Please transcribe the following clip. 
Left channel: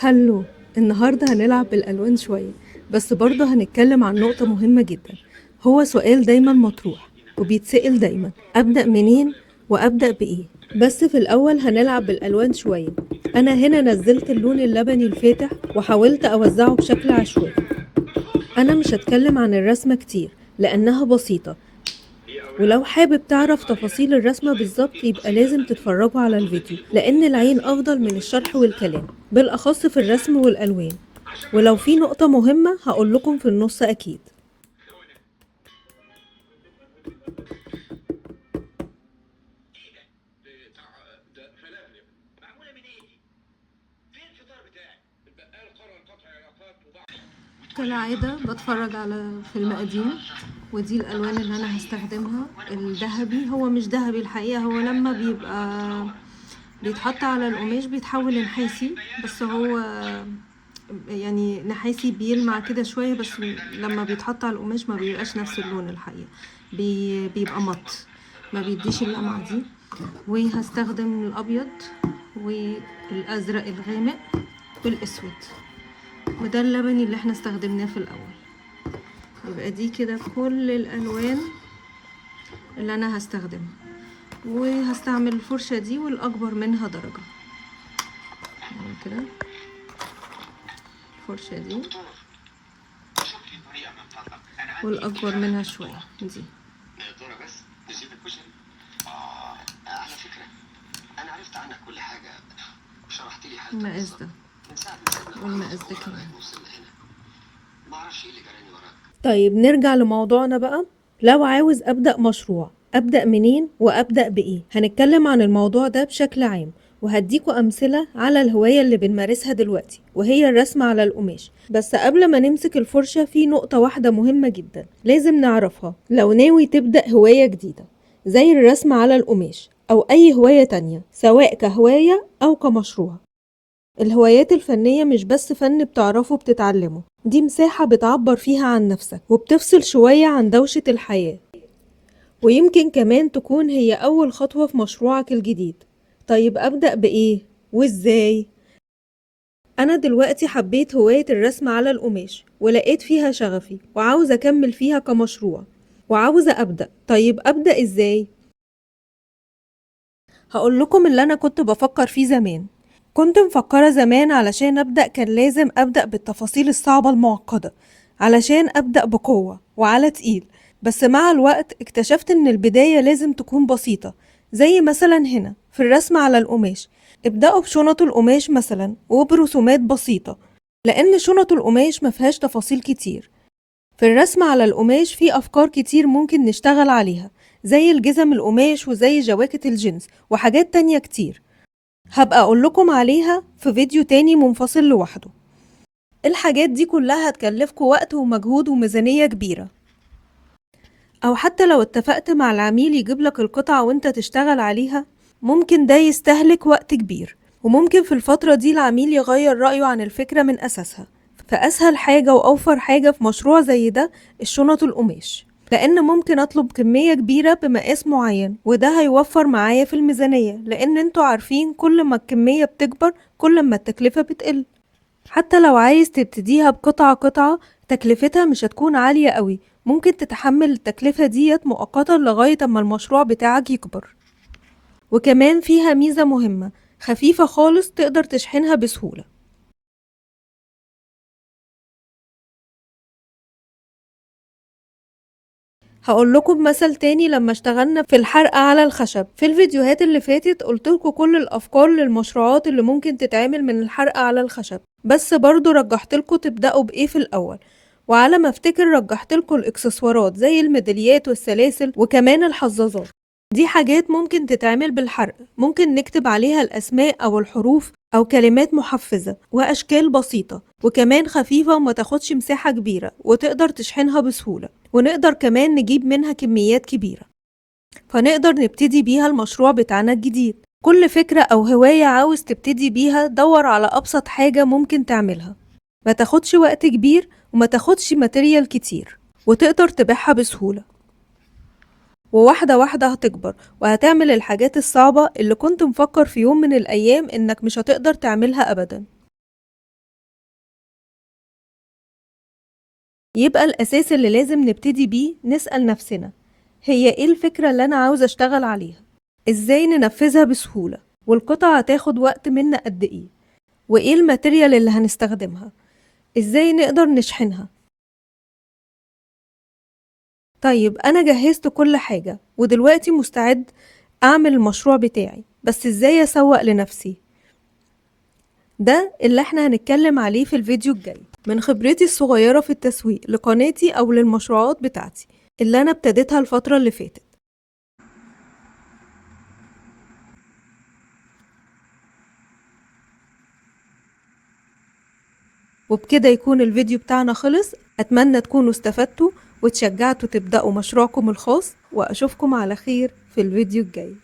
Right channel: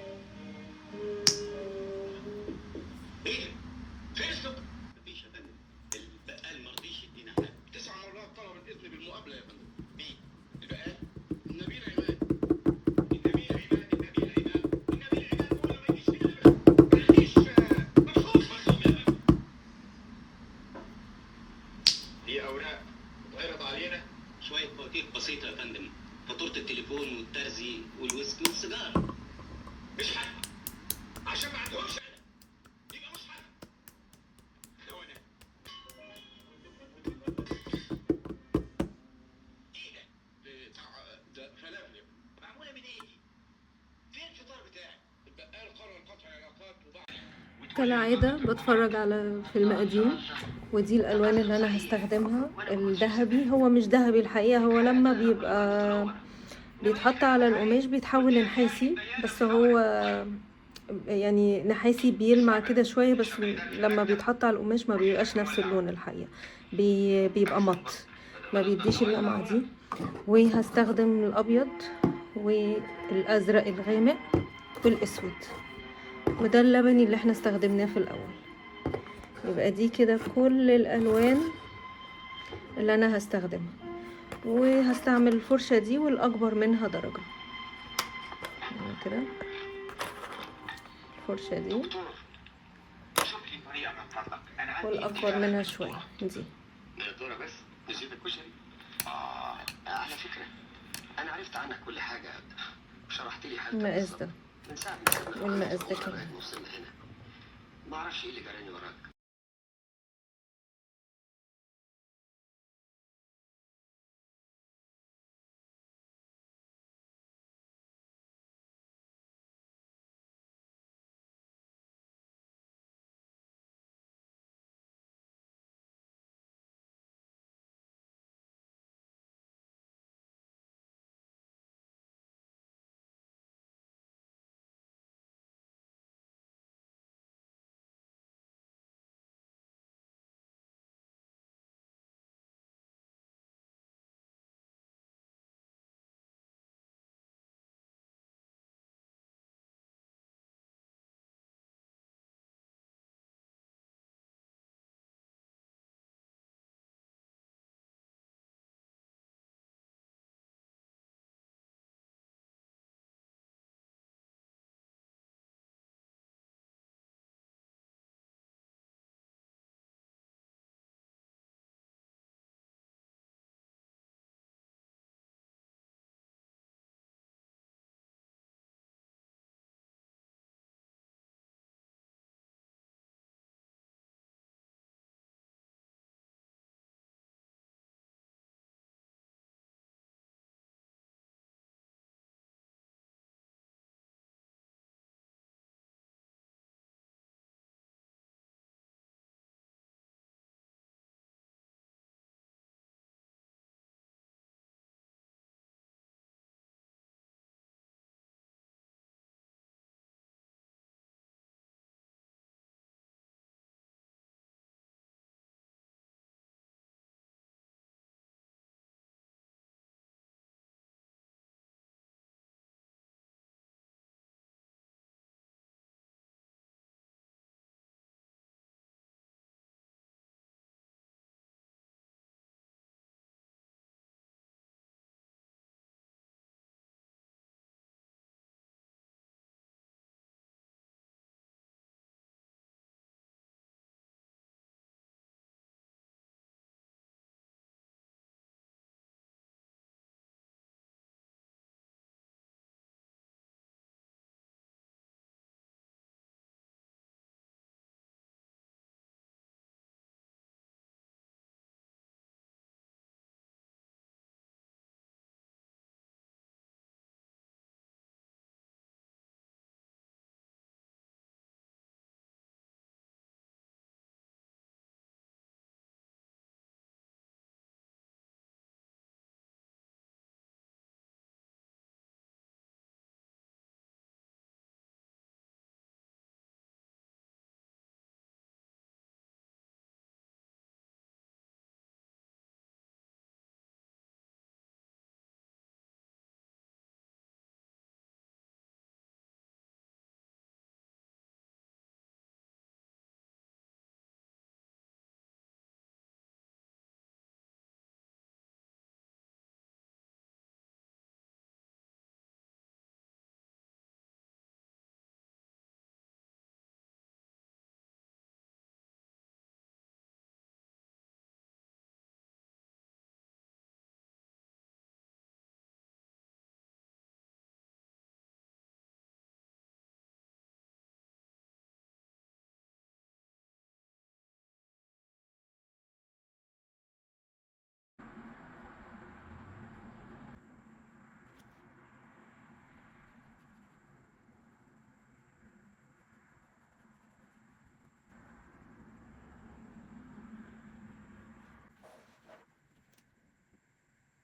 هلو. النهاردة هنلعب بالألوان شوية، بس برضه هنتكلم عن نقطة مهمة جدا. هو سؤال دايما مطروح وبيتسأل دايما: أبدأ منين وأبدأ بإيه؟ بس في الأول هنلعب بالألوان شوية. أنا هنا نزلت اللون اللبني الفاتح وحاولت أوزعه بشكل عشوائي. أنا مش هتكلم عن الرسمة كتير لأنها بسيطة، ولو حابب تعرف تفاصيل الرسمة بالظبط يبقى لازم تتفرجوا على الفيديو، لأن العين أفضل من الشرح والكلام، بالأخص في الرسم والألوان. ولو في نقطة مهمة هقول لكم في النص أكيد. كالعادة بتفرج على فيلم قديم، ودي الألوان اللي أنا هستخدمها. الذهبي هو مش ذهبي الحقيقة، هو لما بيبقى بيتحط على القماش بيتحول لنحاسي، بس هو يعني نحاسي بيلمع كده شوية، بس لما بيتحط على القماش ما بيبقاش نفس اللون الحقيقة، بيبقى مط، ما بيديش اللمعة دي. وهستخدم الأبيض والأزرق الغامق والأسود، وده اللبني اللي احنا استخدمناه في الأول. يبقى دي كده كل الألوان اللي أنا هستخدمها، وهستعمل الفرشة دي والأكبر منها درجة، يعني كده الفرشة دي والأكبر منها شوية دي. بس نجيب الكشري. على فكرة أنا عرفت عنك كل حاجة، شرحت لي حالتك المقاس ده من ساعة والمقاس ده كمان. وصلنا هنا ما أعرفش إيه اللي جراني وراك. طيب نرجع لموضوعنا بقى. لو عاوز أبدأ مشروع، أبدأ منين وأبدأ بإيه؟ هنتكلم عن الموضوع ده بشكل عام، وهديكوا أمثلة على الهواية اللي بنمارسها دلوقتي وهي الرسم على القماش. بس قبل ما نمسك الفرشة في نقطة واحدة مهمة جدا لازم نعرفها لو ناوي تبدأ هواية جديدة زي الرسم على القماش أو أي هواية تانية، سواء كهواية أو كمشروع. الهوايات الفنية مش بس فن بتعرفه بتتعلمه، دي مساحة بتعبر فيها عن نفسك وبتفصل شوية عن دوشة الحياة، ويمكن كمان تكون هي أول خطوة في مشروعك الجديد. طيب أبدأ بإيه؟ وإزاي؟ أنا دلوقتي حبيت هواية الرسم على القماش ولقيت فيها شغفي وعاوزة أكمل فيها كمشروع وعاوزة أبدأ. طيب أبدأ إزاي؟ هقول لكم اللي أنا كنت بفكر فيه زمان. كنت مفكرة زمان علشان أبدأ كان لازم أبدأ بالتفاصيل الصعبة المعقدة علشان أبدأ بقوة وعلى تقيل. بس مع الوقت اكتشفت إن البداية لازم تكون بسيطة، زي مثلا هنا في الرسم على القماش. ابدأوا بشنط القماش مثلا وبرسومات بسيطة، لأن شنط القماش مفيهاش تفاصيل كتير. في الرسم على القماش في أفكار كتير ممكن نشتغل عليها، زي الجزم القماش وزي جواكت الجينز وحاجات تانية كتير، هبقى أقول لكم عليها في فيديو تاني منفصل لوحده. الحاجات دي كلها هتكلفكوا وقت ومجهود وميزانية كبيرة، أو حتى لو اتفقت مع العميل يجيب لك القطعة وانت تشتغل عليها ممكن ده يستهلك وقت كبير، وممكن في الفترة دي العميل يغير رأيه عن الفكرة من أساسها. فأسهل حاجة وأوفر حاجة في مشروع زي ده الشنط القماش، لأن ممكن أطلب كمية كبيرة بمقاس معين، وده هيوفر معايا في الميزانية، لأن انتوا عارفين كل ما الكمية بتكبر كل ما التكلفة بتقل. حتى لو عايز تبتديها بقطعة قطعة تكلفتها مش هتكون عالية قوي، ممكن تتحمل التكلفة ديت مؤقتا لغاية اما المشروع بتاعك يكبر. وكمان فيها ميزة مهمة، خفيفة خالص تقدر تشحنها بسهولة. هقول لكم مثل تاني. لما اشتغلنا في الحرق على الخشب في الفيديوهات اللي فاتت قلت لكم كل الافكار للمشروعات اللي ممكن تتعمل من الحرق على الخشب، بس برضو رجحت لكم تبدأوا بايه في الاول. وعلى ما افتكر رجحت لكم الاكسسوارات زي الميداليات والسلاسل وكمان الحظاظات. دي حاجات ممكن تتعمل بالحرق، ممكن نكتب عليها الاسماء او الحروف او كلمات محفزة واشكال بسيطة، وكمان خفيفة وما تاخدش مساحة كبيرة وتقدر تشحنها بسهولة، ونقدر كمان نجيب منها كميات كبيرة، فنقدر نبتدي بيها المشروع بتاعنا الجديد. كل فكرة أو هواية عاوز تبتدي بيها دور على أبسط حاجة ممكن تعملها، ما تاخدش وقت كبير وما تاخدش ماتيريال كتير، وتقدر تبيعها بسهولة. وواحدة واحدة هتكبر وهتعمل الحاجات الصعبة اللي كنت مفكر في يوم من الأيام إنك مش هتقدر تعملها أبدا. يبقى الأساس اللي لازم نبتدي بيه نسأل نفسنا، هي إيه الفكرة اللي أنا عاوزة أشتغل عليها؟ إزاي ننفذها بسهولة؟ والقطعة هتاخد وقت منا قد إيه؟ وإيه الماتيريال اللي هنستخدمها؟ إزاي نقدر نشحنها؟ طيب أنا جهزت كل حاجة ودلوقتي مستعد أعمل المشروع بتاعي، بس إزاي أسوق لنفسي؟ ده اللي احنا هنتكلم عليه في الفيديو الجاي من خبرتي الصغيرة في التسويق لقناتي أو للمشروعات بتاعتي اللي أنا ابتديتها الفترة اللي فاتت. وبكده يكون الفيديو بتاعنا خلص. أتمنى تكونوا استفدتوا وتشجعتوا تبدأوا مشروعكم الخاص، وأشوفكم على خير في الفيديو الجاي.